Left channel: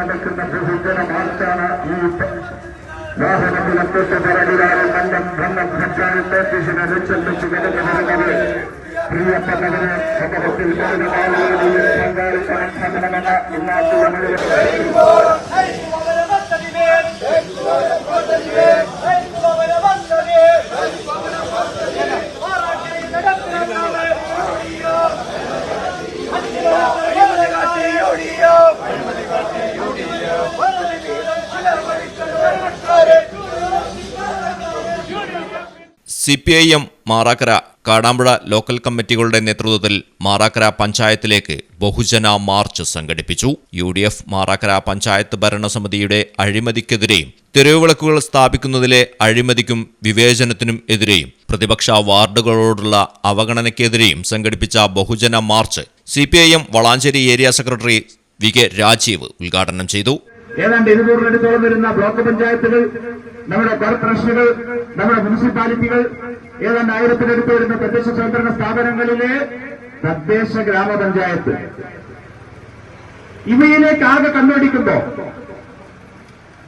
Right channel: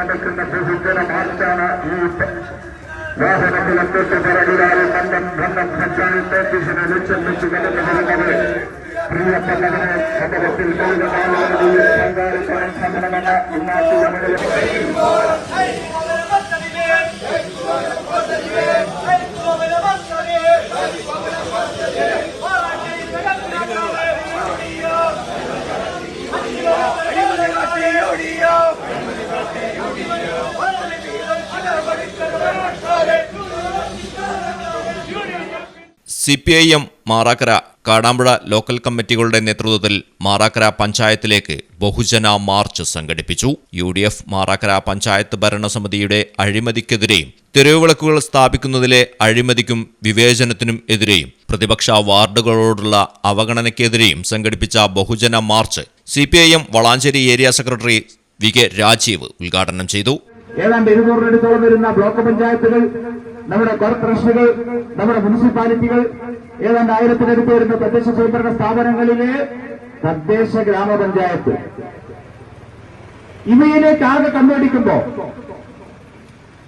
നടക്കുന്ന ബഹുജന മാർച്ചാണ് ഈ വാഹനത്തിലെത്തിട്ട് പിറകിലായി പഞ്ചായത്ത് ഓഫീസിനെ ലക്ഷ്യം വെച്ച് കടന്നു വരുന്നത് പ്രിയപ്പെട്ടവരെ സമൂഹത്തിൽ പങ്കാളിക്കാൻ ശ്രമണമെന്ന് ഇന്നാട്ടുകളിൽ CPIM മാറാക്കര കാടാമ്പുഴ ലോക്കൽ കമ്മിറ്റികളുടെ നേതൃത്വത്തിൽ മാറാക്കര പഞ്ചായത്തിലേക്ക് ബഹുജന മാർച്ച് സംഘടിപ്പിച്ചു. UDF മാറാക്കര പഞ്ചായത്ത് ഭരണസമിതിയുടെ അഴിമതിക്കെതിരെയും തെരുവുവിളക്കുകൾ സ്ഥാപിക്കുന്നതിലെ അഴിമതിക്കും വിവേചനത്തിനും എതിരെയും പ്രതിപക്ഷ വാർഡുകളോടുള്ള അവഗണനയ്ക്കെതിരെയും സംഘടിപ്പിച്ച ബഹുജന march CPIM Valanchery area secretary VK Rajeev ഉദ്ഘാടനം ചെയ്തു. ഏതാണ്ട് 200 വരുന്ന ബ്ലോക്ക് പഞ്ചായത്തുകൾ, നമ്മുടെ കോർപ്പറേഷനുകൾ, നമ്മുടെ മുനിസിപ്പാലിറ്റികൾ, ഏതാണ്ട് 1000 വരുന്ന തദ്ദേശ സ്വയംഭരണ സ്ഥാപനങ്ങളിലെ തദ്ദേശ ഗ്രാമപഞ്ചായത്ത്, ഇവയിലേക്ക് ആകെ കണ്ണോടിക്കുമ്പോ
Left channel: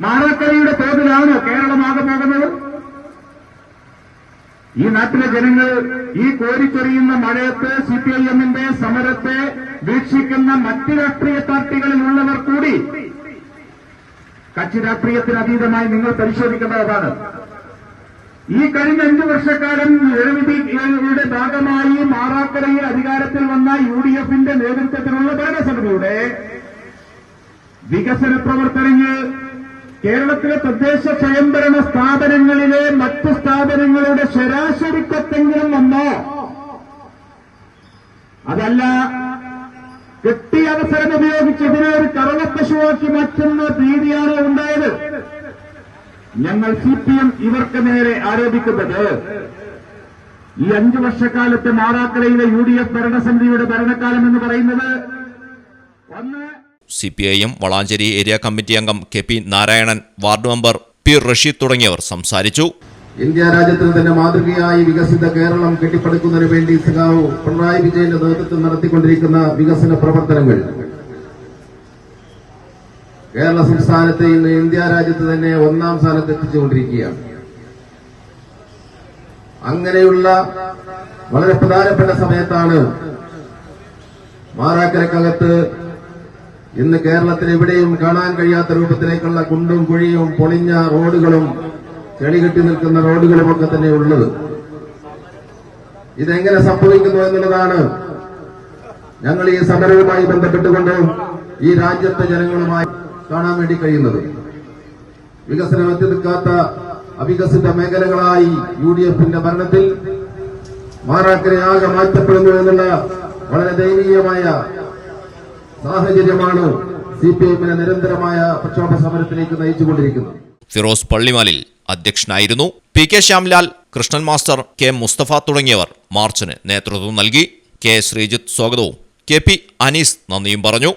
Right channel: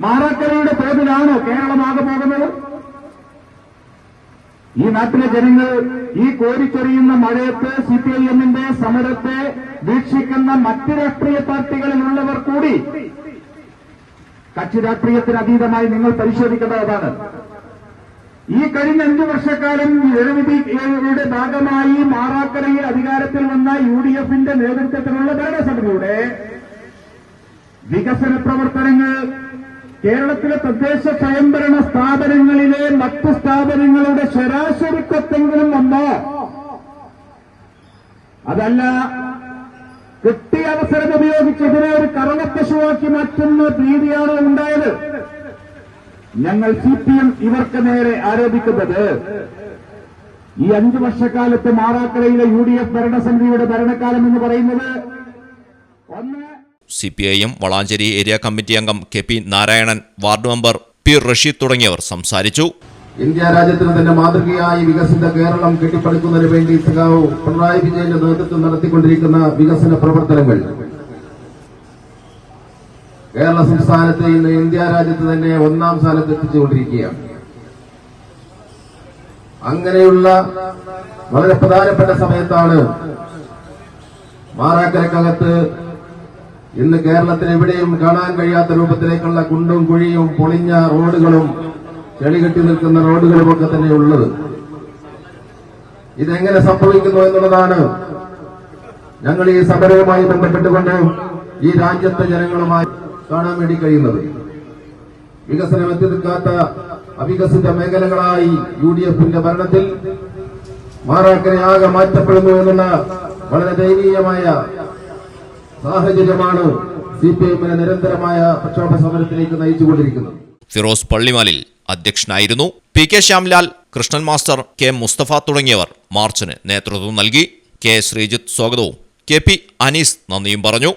മാറാക്കരയുടെ തോതിലാണോ കേരളമാകെ പോകുന്നത്? ഈ നാട്ടിലെ ജനങ്ങൾ ഈ കോരിച്ചൊറിയുന്ന മഴയത്ത് CPIMന്റെ സമരത്തെ വീക്ഷിക്കുന്ന മറ്റ് രാഷ്ട്രീയ പാർട്ടികളിലുള്ളവർ കൂടി കക്ഷി രാഷ്ട്രീയത്തിന് അതീതമായി നിങ്ങൾ പരിശോധിക്കേണ്ടതാണ്. ഈ കഴിഞ്ഞ 5 വർഷക്കാലം ജനവിധിയുടെ ഭാഗമായി മാറാക്കരയിൽ അധികാരത്തിൽ വന്ന UDFന്റെ നേതൃത്വത്തിലുള്ള ഭരണസമിതിയുടെ വികസന പ്രവർത്തനങ്ങൾ കേരളത്തിലെ തദ്ദേശ സ്വയംഭരണ സ്ഥാപനങ്ങളിലെ മറ്റു സ്ഥാപനങ്ങളുടെ ശരാശരിക്കൊത്തെങ്കിലും വന്നോ? അതല്ല, കിട്ടിയ അവസരം ഉപയോഗിച്ച് ഇതിനെ ഒരു കറവപ്പശുവാക്കി മാറ്റുന്ന രീതിയാണ് ഉണ്ടായത്. ഞങ്ങൾ CPM ഇവർക്ക് നേരെ ആരോപിക്കുന്നത് ഈ 5 വർഷക്കാലത്ത് മാറാക്കരയിലെ UDF ഭരണസമിതിയുടെ ഭരണകാലം എന്ന് പറയുന്നത് CPIM വളാഞ്ചേരി ഏരിയ കമ്മിറ്റി അംഗം KP Narayanan, ward member P Rasheed തുടങ്ങിയവർ സംസാരിച്ചു. ഇന്ത്യ രാജ്യത്തിന് തന്നെ മാതൃകയായി വികസിത കേരളം കെട്ടിപ്പടുക്കുന്നതിന് വേണ്ടി സഖാവ് പിണറായി വിജയന്റെ നേതൃത്വം നടത്തിക്കൊണ്ടിരിക്കുന്ന വികസന പ്രവർത്തനങ്ങൾ കേരള സംസ്ഥാനത്തെ ഇന്ന് ഇന്ത്യ രാജ്യത്ത് തന്നെ 1ാം സ്ഥാനത്ത് എത്തിച്ചുകൊണ്ടിരിക്കുകയാണ്. അങ്ങനെയുള്ള വളരെ പ്രധാനപ്പെട്ട സമയത്താണ് മാറാക്കരക്കകത്ത് ഇന്ന് കേരളത്തിൽ എവിടെയും കാണാൻ കഴിയാത്ത രൂപത്തിലേക്കുള്ള കുണ്ടും കുഴിയും പൊളിഞ്ഞ റോഡുകളും ചെളി കെട്ടി നിൽക്കുന്ന റോഡുകളുമൊക്കെ തന്നെ ഉള്ളത്. ഇതെങ്ങനെ സംഭവിക്കുന്നു എന്നുള്ളതാണ് ഞങ്ങൾ ഈ സമരവുമായി ബന്ധപ്പെട്ടുകൊണ്ട് ഈ രാജ്യത്തെ ജനങ്ങളുമായി കാണാൻ വേണ്ടി കഴിയുന്നത്. വികസനം എത്തി നിൽക്കാത്ത അവികസിത മേഖലകളായി UDFന്റെ ഭരണത്തിൽ മാറാക്കരയാകെ മാറ്റപ്പെടുന്നു എന്നുള്ള വളരെ ദയനീയമായ സാഹചര്യമാണ് CPIMനെ നിരന്തരമായ പ്രക്ഷോഭ സമരത്തിലേക്ക് നയിച്ചുകൊണ്ടിരിക്കുന്നത്. ഫിറോസ് പള്ളിമാലിൽ അധ്യക്ഷനായിരുന്നു. PK Shyamlal, Krishnan master, K Musthafa തുടങ്ങിയവർ മാർച്ചിന് നേതൃത്വം നൽകി. K ശ്രീജിത്ത് സ്വാഗതവും KP അനീസ് നന്ദിയും പറഞ്ഞു.